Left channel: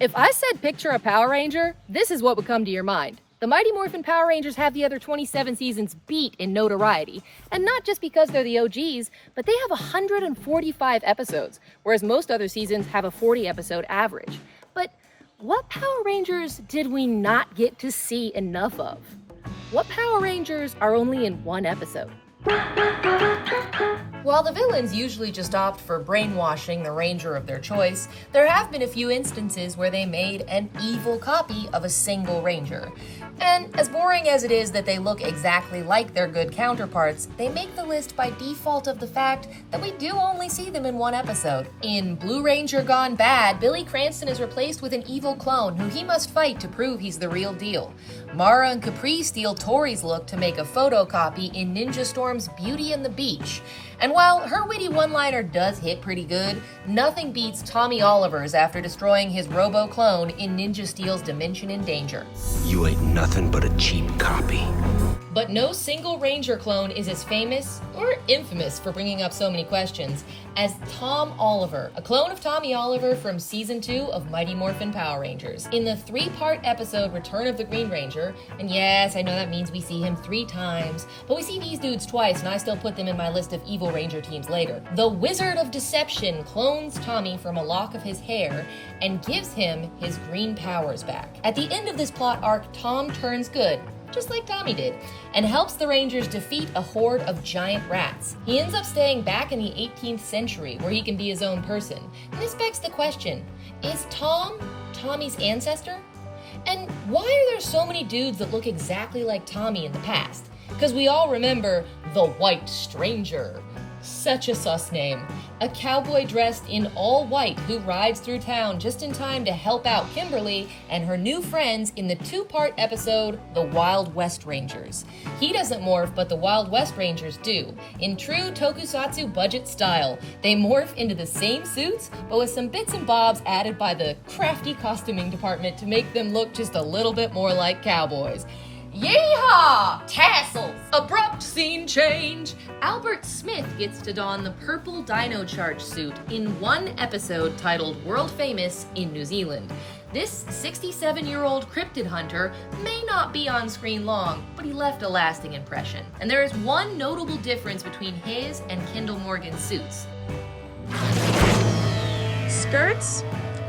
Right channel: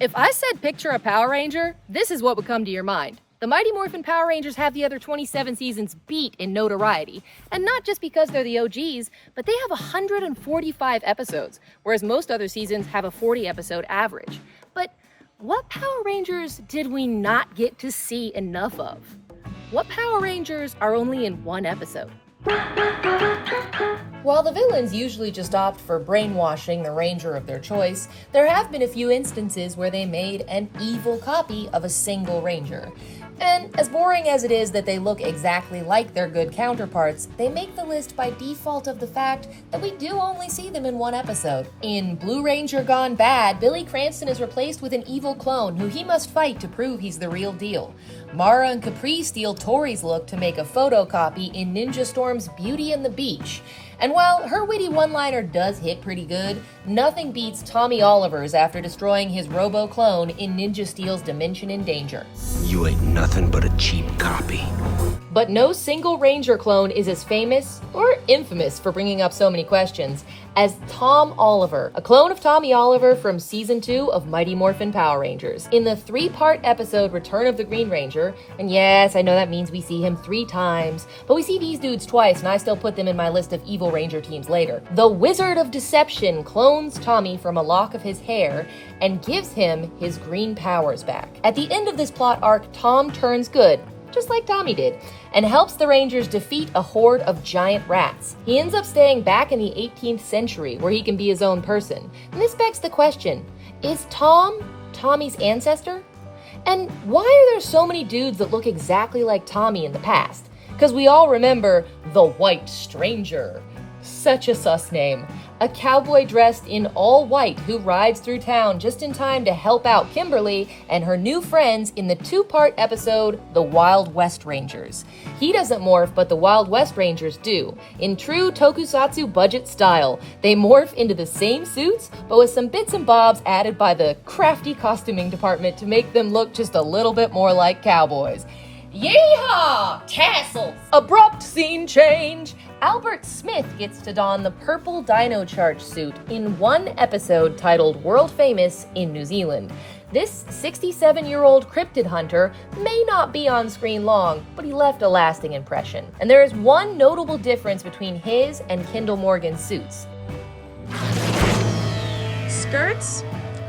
If I said picture a Power Ranger, this is what would come to your mind. The Mighty Morphin Power Rangers have the other 27 seasons beat in notoriety. And not just because they're the OGs, but they have 145 episodes, whereas most other seasons have a 40-episode average. But what Power Rangers did we not get to see enough of? What Power Rangers are only in one episode? While the villains usually just opt for brainwashing the ranger of their choice, there have been a few instances where they made an evil copy of a single ranger. And as boring as it is that they look exactly like their good counterparts, they make the list by default of the fact that we do only see them in one episode. In Blue Ranger Gone Bad, Billy Cranston is replaced with an evil clone who he must fight to prove he's the real deal. Mara and Capri steal Tori's look to make a photocopy in Ninja Storm's Beauty and the Beach. And while her witty one-liner does hit pretty good, nothing beats Tommy Oliver's after destroying his robo-clone in Ninja Steel's Dimension in Danger. You ain't nothing but a cheap copy. But no single Ranger clone is as famous, or infamous for bringing up so many questions, as Tom Oliver, a clone of Tommy Oliver from Season 2 of Mighty Morphin Power Rangers. In the 3-part episode Return of the Green Ranger, and yes, I know that means we see him 3 times, but we see these dudes twice and I still put them in my list of evil Ranger teams later. The Wizard of Deception clones Tommy from a lock of his hair and gives him his green powers back. At the end of this plot arc, Tom turns good, just like Tommy did, and helps the Rangers defeat a horde of giant rats. He ends up staying back in the 18th century where he can be his own person. And this begs the question, is Tom Tommy's ancestor? And why are there so many dudes that look exactly like Tommy in the past? Because we all remember the White Stranger. Such a sus name. A cowboy dressed in all white who rides through town just in time to help out Kimberly and her new friends in the 2-part episode, The Wild West Rangers. He doesn't morph, but the Wild West Rangers do. In true tokusatsu budget style, they morph into the same suits, but with some bits and bobs added by the crafty costuming department to make them look just a little bit more like cowboys. Yeehaw! Tassels! Abrupt scene change! Albert Smith gets to don the purple Dino Charge suit in one episode titled World Famous in New Zealand. This 67-year-old cryptid hunter may not be on screen long, but he left a lasting impression. And there is one notable difference between his and Kendall Morgan's suits. Skirts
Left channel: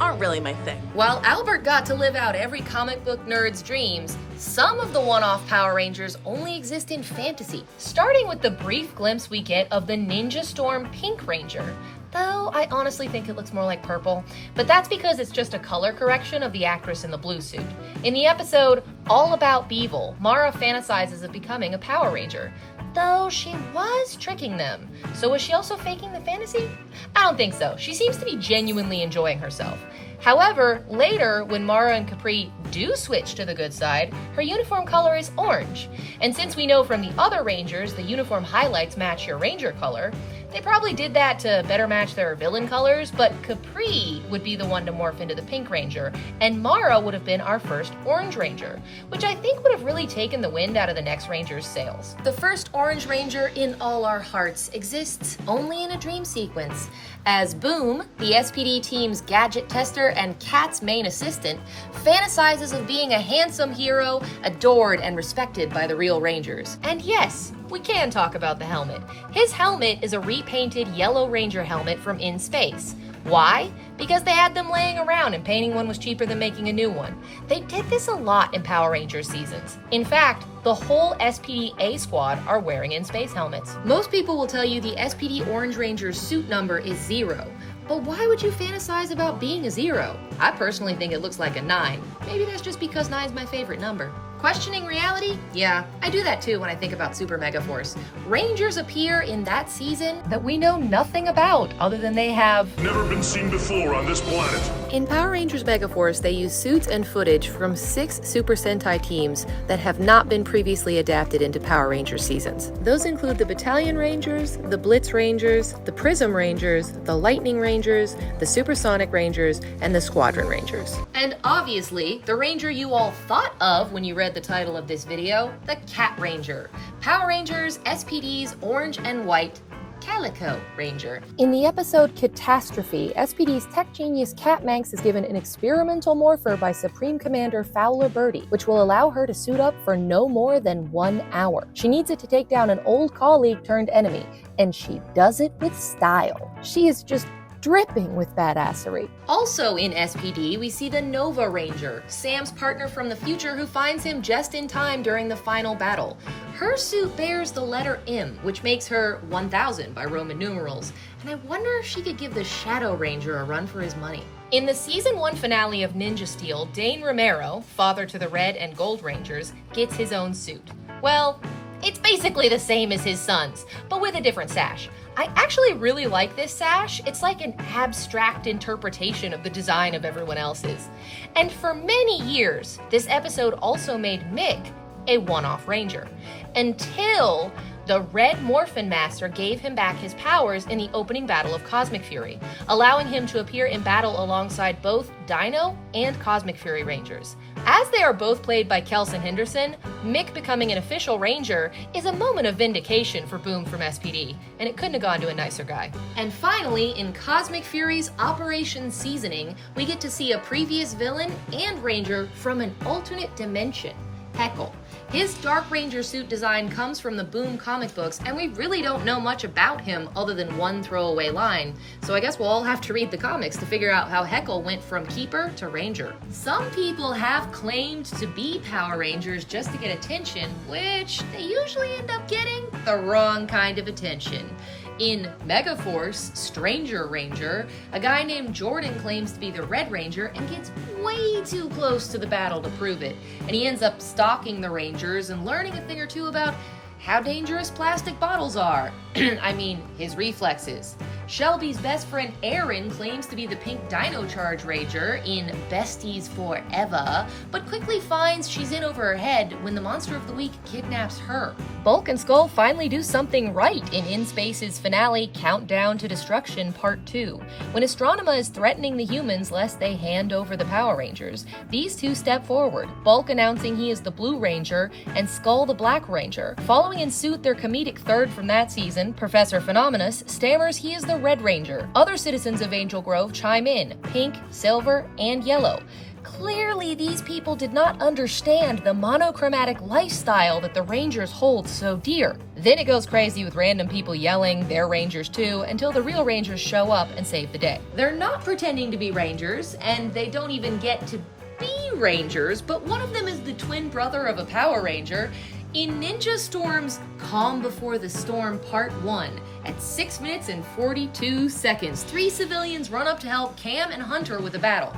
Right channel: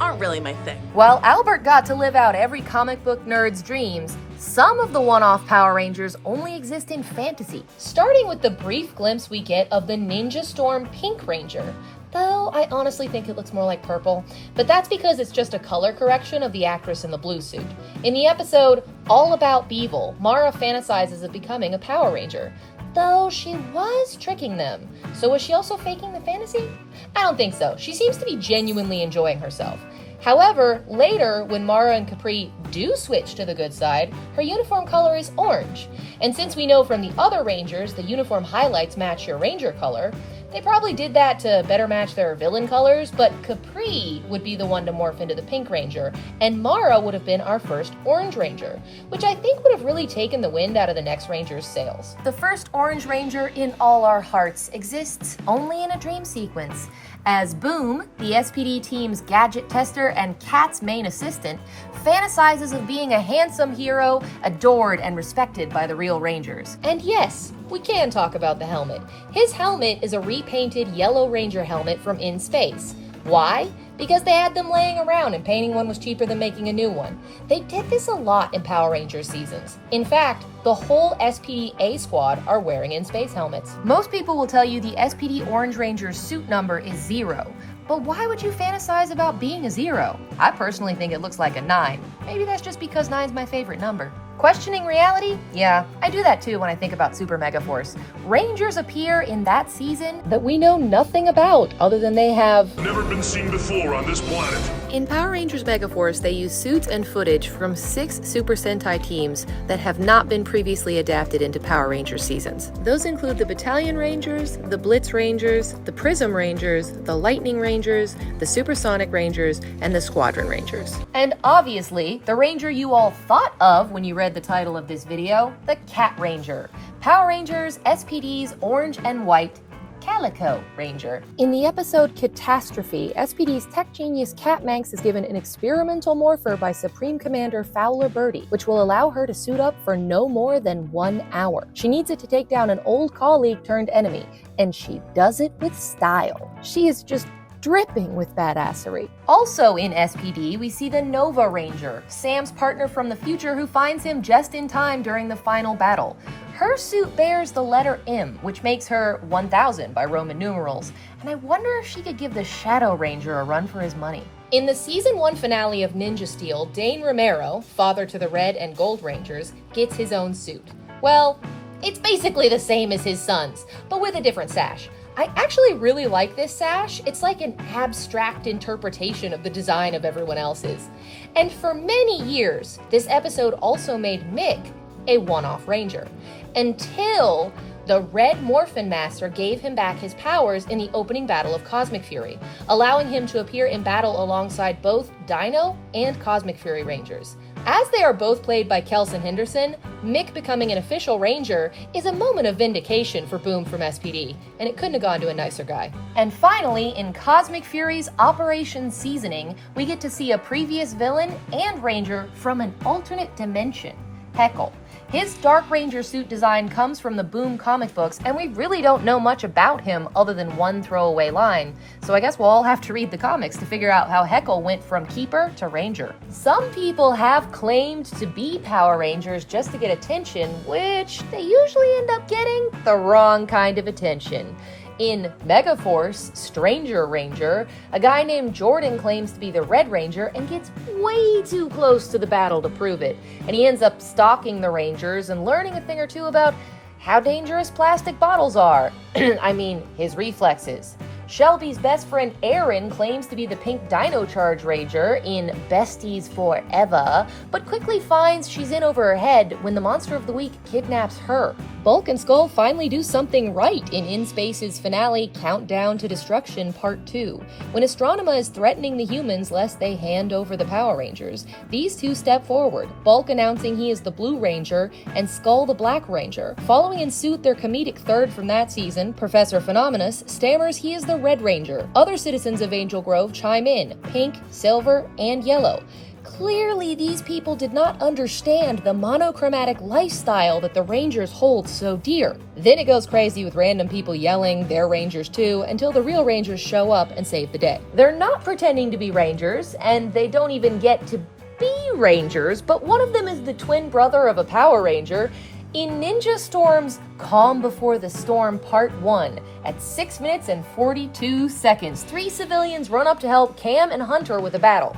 aren't really my thing. While Albert got to live out every comic book nerd's dreams, some of the one-off Power Rangers only exist in fantasy, starting with the brief glimpse we get of the Ninja Storm Pink Ranger. Though I honestly think it looks more like purple, but that's because it's just a color correction of the actress in the blue suit. In the episode All About Beevil, Mara fantasizes of becoming a Power Ranger, though she was tricking them. So was she also faking the fantasy? I don't think so. She seems to be genuinely enjoying herself. However, later, when Mara and Capri do switch to the good side, her uniform color is orange. And since we know from the other Rangers the uniform highlights match your Ranger color, they probably did that to better match their villain colors, but Capri would be the one to morph into the Pink Ranger, and Mara would have been our first Orange Ranger, which I think would have really taken the wind out of the next Ranger's sails. The first Orange Ranger in all our hearts exists only in a dream sequence, as Boom, the SPD team's gadget tester and Kat's main assistant, fantasizes of being a handsome hero, adored and respected by the real Rangers. And yes, we can talk about the helmet. His helmet is a repainted yellow Ranger helmet from In Space. Why? Because they had them laying around and painting one was cheaper than making a new one. They did this a lot in Power Rangers seasons. In fact, the whole SPD A squad are wearing In Space helmets. Most people will tell you the SPD Orange Ranger's suit number is 0. But why would you fantasize about being a 0? I personally think it looks like a 9. Maybe that's just because 9 is my favorite number. Questioning reality? Yeah, I do that too when I think about Super Mega Force. Rangers appear in that season that we know nothing about other than they have never been seen before on this planet. In Power Rangers Mega Force, they use suits and footage from 6 Super Sentai teams that have not been previously adapted into Power Rangers seasons. Those include the Battalion Rangers, the Blitz Rangers, the Prism Rangers, the Lightning Rangers, the Supersonic Rangers, and the Squadron Rangers. And obviously, the Ranger you all thought of when you read the title of this video, the Cat Ranger. Power Rangers, SPD's Orange and White, Calico Ranger. In the episode Catastrophe, SPD's tech genius Kat Manx is given an experimental morpher by Supreme Commander Fowler Birdie, which will allow her to suit up for no more than 1 hour. She needs it to take down an old colleague turned enemy, and she does it with style. She is just dripping with badassery. Also in SPD, we see the Nova Ranger, Sam's partner from the future who finds him just in time during the final battle. Her suit bears the letter M, which makes her 1000 by Roman numerals, and I wonder if she could give the Shadow Ranger a run for his money. In the Season 1 finale of Ninja Steel, Dane Romero, father to the Red and Gold Rangers, gets his own suit. Well, it's basically the same as his son's, but with a different sash. I actually really like this sash. It's like an abstract interpretation of the design of everyone else's. And for many years, this episode also made Mick a one-off ranger, until the Red Morphin Master gave him back his powers in the opening battle of Cosmic Fury, allowing him to appear in battle alongside both Dino and Cosmic Fury Rangers. As they are both played by Kelson Henderson, Mick becoming an official ranger is a moment of vindication for Boom from SPD, and it couldn't have gone to a nicer guy. And finally, in Cosmic Fury's Operation Seasoning, we get to see a previous villain and ranger from an alternate dimension, Heckle. His Dark Ranger suit design comes from the Boom comic books, and we really don't know much about him other than one throwaway line, so I guess we'll all have to read the comics to figure out how Heckle went from Keeper to Ranger. Some people have claimed to be Power Rangers just to get attention, which they usually end up getting the wrong kind of attention. In Megaforce, Stranger Ranger, a guy named Jordan claims to be the Red Ranger and gets way too close to the battle to prove it. And he ends up stalking the Rangers and learning a thing or two about how dangerous plastic bottles are. I mean, his reflexes. Shelby's best friend Aaron claims to be the Pink Dino Charge Ranger in Besties Forever, but quickly finds she's in over her head when the Monster of the Week kidnaps her. Bulk and Skull finally do something right in Space's finale Countdown to Destruction Part 2. When Astronema is threatening the humans lest they hand over the Power Rangers, these two step forward, Bulk announcing he is the Blue Ranger and Skull the Black Ranger. Following in suit their comedic third from that season, Professor Phenomenus, stammers he is the Red Ranger. Other citizens of Angel Grove chime in, pink, silver, and yellow. Clearly, these people did not understand the monochromatic lifestyle that the Rangers hold so dear. Then it goes crazy with random people yelling they're Rangers too, until the real Rangers show up and save the day. They're not pretending to be Rangers, and they don't even get to be Rangers, but one of them is the twin brother of a Power Ranger. In Ninja Storm's Calm Before the Storm Part 1, at 6 minutes and 42 seconds, 3 civilians run up to help Cam and Hunter with a battle.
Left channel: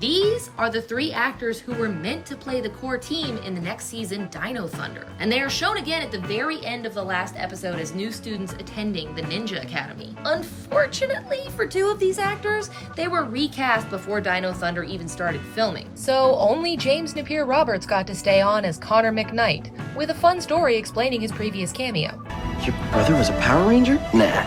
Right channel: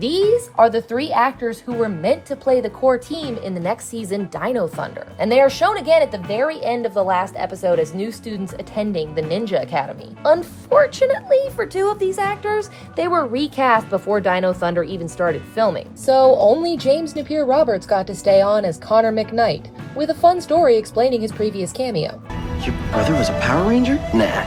These are the 3 actors who were meant to play the core team in the next season, Dino Thunder. And they are shown again at the very end of the last episode as new students attending the Ninja Academy. Unfortunately for 2 of these actors, they were recast before Dino Thunder even started filming. So only James Napier Roberts got to stay on as Connor McKnight, with a fun story explaining his previous cameo. Your brother was a Power Ranger? Nah,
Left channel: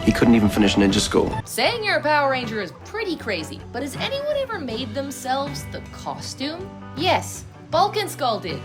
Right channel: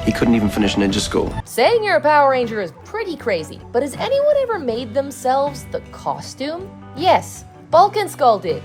he couldn't even finish ninja school. Saying you're a Power Ranger is pretty crazy, but has anyone ever made themselves the costume? Yes, Bulk and Skull did.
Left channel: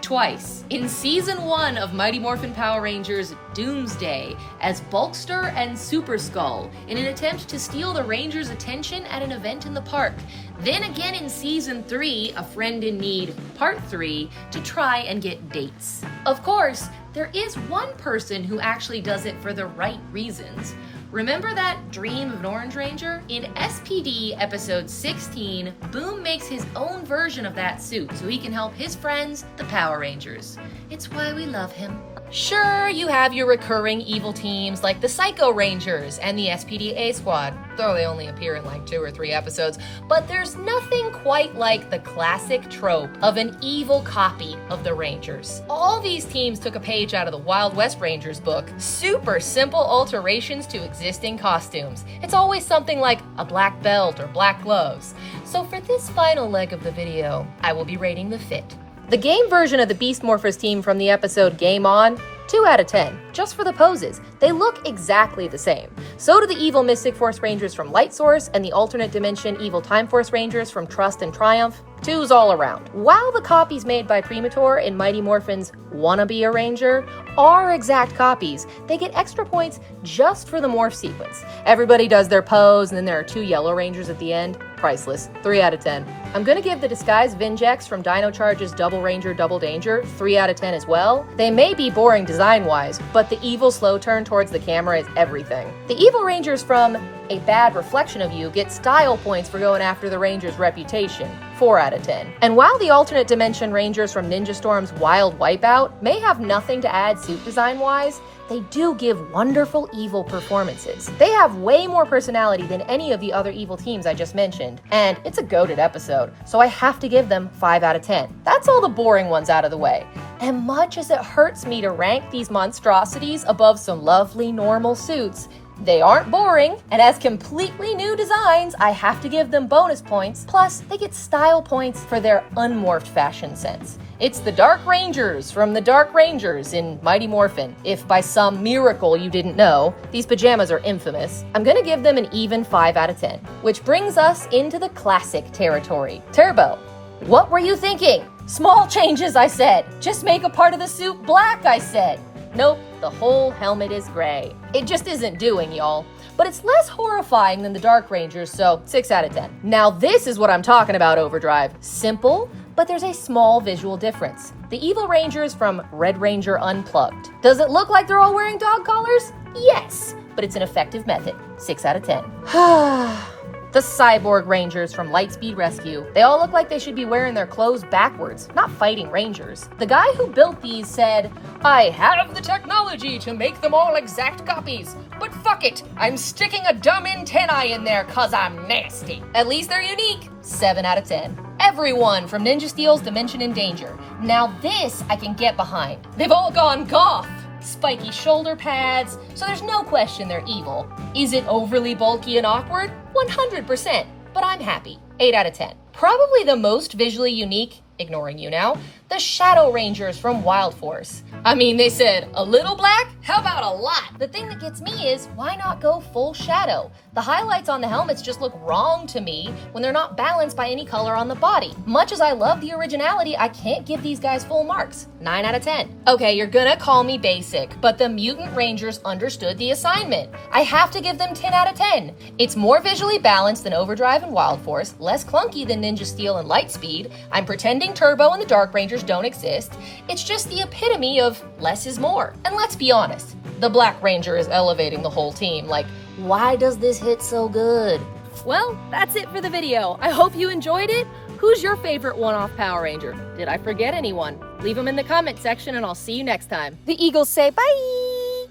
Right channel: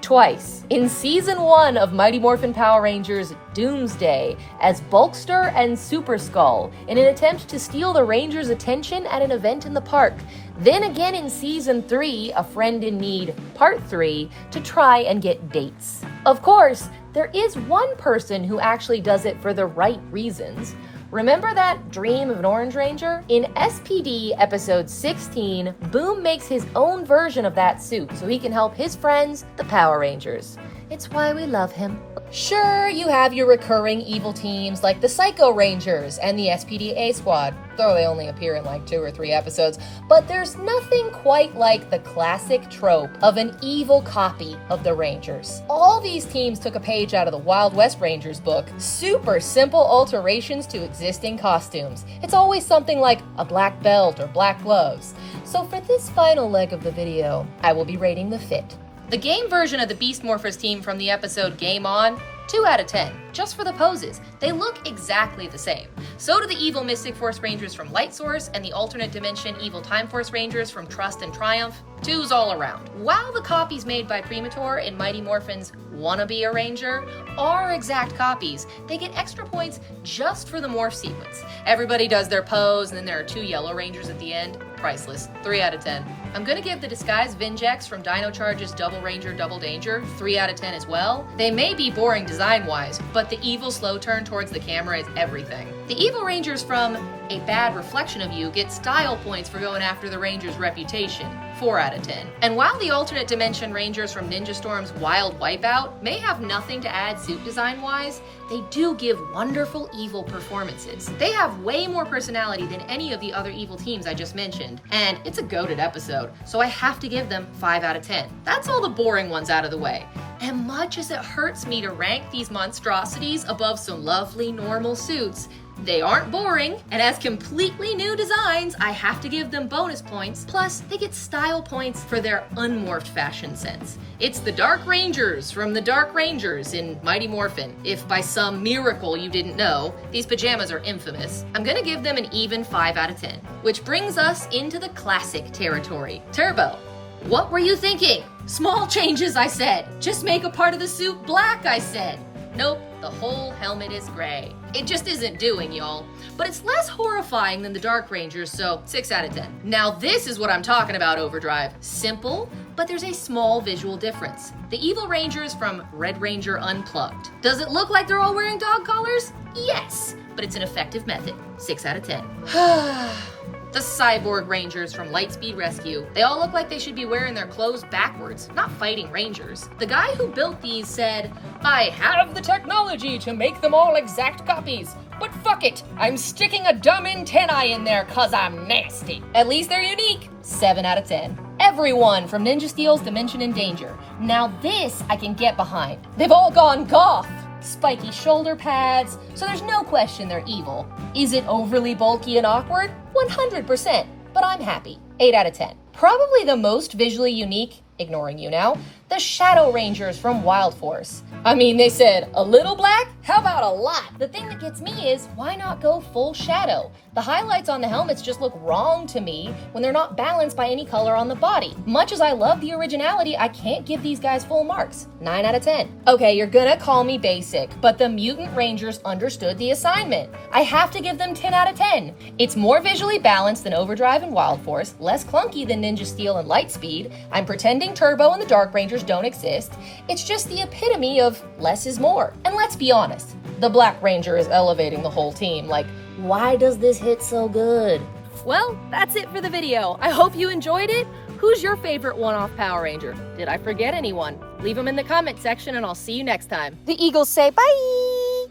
Twice. In Season 1 of Mighty Morphin Power Rangers Doomsday as Bulkster and Super Skull in an attempt to steal the Rangers' attention at an event in the park. Then again in Season 3, A Friend in Need Part 3, to try and get dates. Of course, there is one person who actually does it for the right reasons. Remember that dream of an Orange Ranger? In SPD episode 16, Boom makes his own version of that suit so he can help his friends, the Power Rangers. It's why we love him. Sure, you have your recurring evil teams like the Psycho Rangers and the SPDA Squad, though they only appear in like 2 or 3 episodes, but there's nothing quite like the classic trope of an evil copy of the Rangers. All these teams took a page out of the Wild West Rangers book, super simple alterations to existing costumes. It's always something like a black belt or black gloves. So for this final leg of the video, I will be rating the fit. The game version of the Beast Morphers team from the episode Game On 2 out of 10, just for the poses. They look exactly the same. So do the evil Mystic Force Rangers from Light Source and the alternate dimension evil Time Force Rangers from Trust and Triumph. 2s all around. While the copies made by Premator in Mighty Morphin's Wanna Be a Ranger are exact copies, they get extra points just for the morph sequence. Everybody does their pose, and then there are 2 Yellow Rangers at the end. Priceless. 3 out of 10. I'm gonna give the disguised Vinjex from Dino Charge's Double Ranger Double Danger 3 out of 10 as well. They may be boring design-wise, but the evil slow turn towards the camera is everything. The evil Rangers from A Bad Reflection of You get style points for going after the Ranger's reputation. 4 out of 10. And while the alternate dimension Rangers from Ninja Storm's Wild Wipeout may have nothing to add suit design-wise, they do give wonderful evil performances. They have way more personality than any of the other evil teams I just mentioned, and it's a goated episode, so I have to give them 5 out of 10. That's all the boring ones out of the way. And much as it hurts me to rank these monstrosities above some lovely normal suits, they aren't boring, and as completely new designs, I have to give them bonus points, plus they get style points for their unmorphed fashion sense. It's the Dark Rangers from the Dark Rangers in Mighty Morphin. If by some miracle you didn't know, these pajamas are infamous. I'm gonna give them an even 5 out of 10, which brings us into the classic territory. Turbo, what were you thinking? Small changes, I said. Just make a part of the suit black, I said. Nope, the whole helmet is gray. It just isn't doing, y'all. But it's less horrifying than the Dark Rangers, so 6 out of 10. Now this is what I'm talking about, Overdrive. Simple, but there's a small visual difference. The evil Rangers from Red Ranger Unplugged. Does it look like they're all wearing dog collars? Yes, but it's an effective method. 6 out of 10. The Cyborg Rangers from Lightspeed Rescue. They all look like they should be wearing their clothes backwards, not fighting Rangers. The guy who built these said, "I have the technology to make them all exact copies, but fuck it, I'm sticking a dumb antennae in there 'cause I'm nasty." At least they're unique. 7 out of 10. Everyone from Ninja Steel's Dimension in Danger. Now this I can get behind. They've all gone goth. Spiky shoulder pads, so there's no question they're evil. Is it overly bulky and awkward? 100%, but I'm happy. 8 out of 10. Probably the most visually unique, ignoring you now, the Shadow Rangers from Wild Force. I mean, they said, a little black? How about a lot? The thing that gets me is, why not go full shadow? The highlights on the helmets just look wrong to me when they're not balanced by any color on the body. Much as I love the originality, I can't give these guys full marks. 9 out of 10. Okay, you're gonna call me basic, but the Mutant Rangers understood the assignment. I have to give them 10 out of 10. It's more visually balanced than Overdrive and Wild Force, less clunky than Ninja Steel and Lightspeed. I'm pretending Turbo and the Dark Rangers don't exist. It's just the epitome of less is more. And let's be honest, the Black Ranger is elevating the whole team. Like, why does this hit so good? Well, that's it for the video. I hope you enjoyed it. Who's your favorite one-off Power Ranger? Did I forget anyone? Leave them in the comment section and I'll see you next time. The Eagles say bye!